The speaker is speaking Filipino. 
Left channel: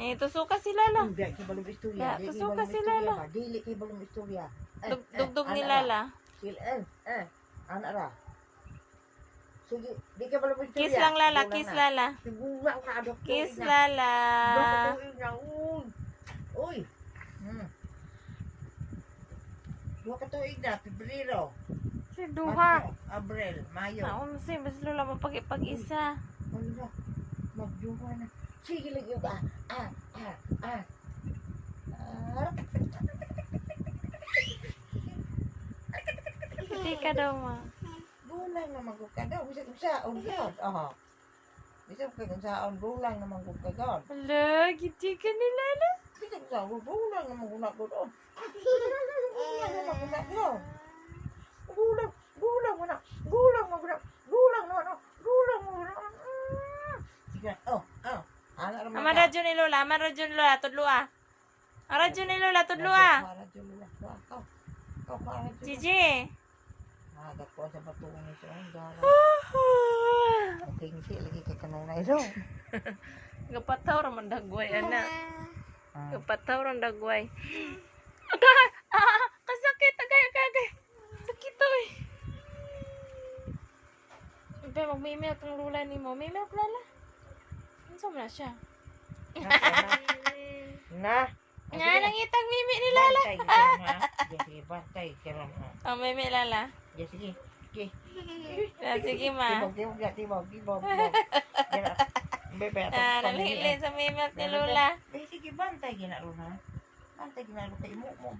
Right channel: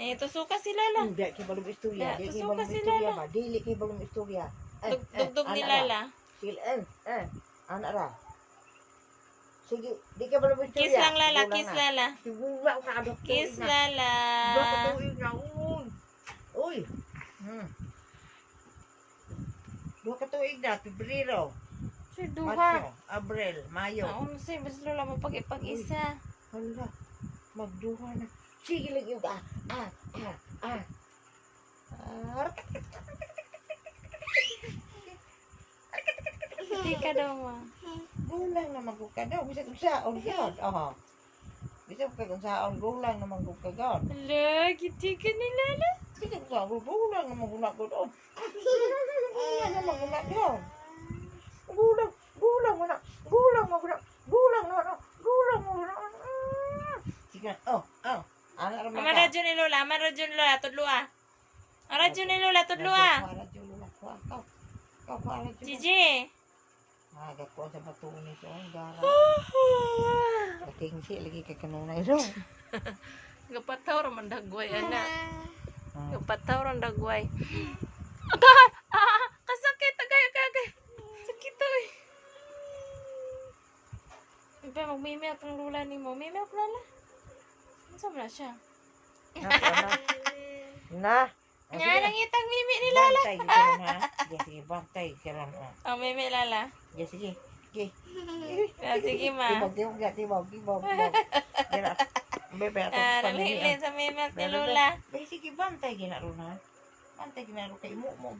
Eh, tusuka si Lala. Hindi kay balong istorya. Ya, Di kay tusuka balong si istorya Lala. ba? Dili kay balong istorya. Dugdug ni anak Lala. Sila anak ra. Sige, di kay balong istorya. Kiss lang Lala, Gulang kiss na. Lala. Siguro ka doktor Kiss na. Lala. Doktor na. Uy. Uy. Dua ka tuig na, Pebrero, Si Duha. Marso, Abril, Mayo. Naon si basta Lola mapag-isa. Hala, magduha na. Sige lang yung Hindi ka daw ma. Gulang naman ko ka daw. Bisa kong saon yun. Bisa kong saon, gulang naman ko ka daw. Hala, giti ka ni Lala. Bisa kong saon, gulang naman ko na ko daw. Gulang naman ko na daw. Gulang mo na. Gulang mo na. Gulang mo na. Gulang mo na. Sige, anak naman Ama radyo ni Lola, ama radyo ni Lola, tudlua. Ang radyo ni Lola, tudlua. Radyo Lola. Kau radyo. Gigi. Gakuha sa batuon ni Song. Gara. Natingsi lagi kay kanunay daw. Gapataw raman dagway, anak. Ah. Gapataw raman dagway. Agay! Kasakit! Agay! Sakit to eh. Iba, magmimilk ang lula ni mo. May milk Lala? Ano sa na siya? Na. Nga, nangitang mimi ni Lala. Bantay ka ron ha. Sige, bantay ka ron. Oh, mimi Lala. Sige. Sige ma. Tibog. Bebe, Namili sa mimi ni Lola. Sige, bantay ka na ron ha. Bantay ka na ron kay mo.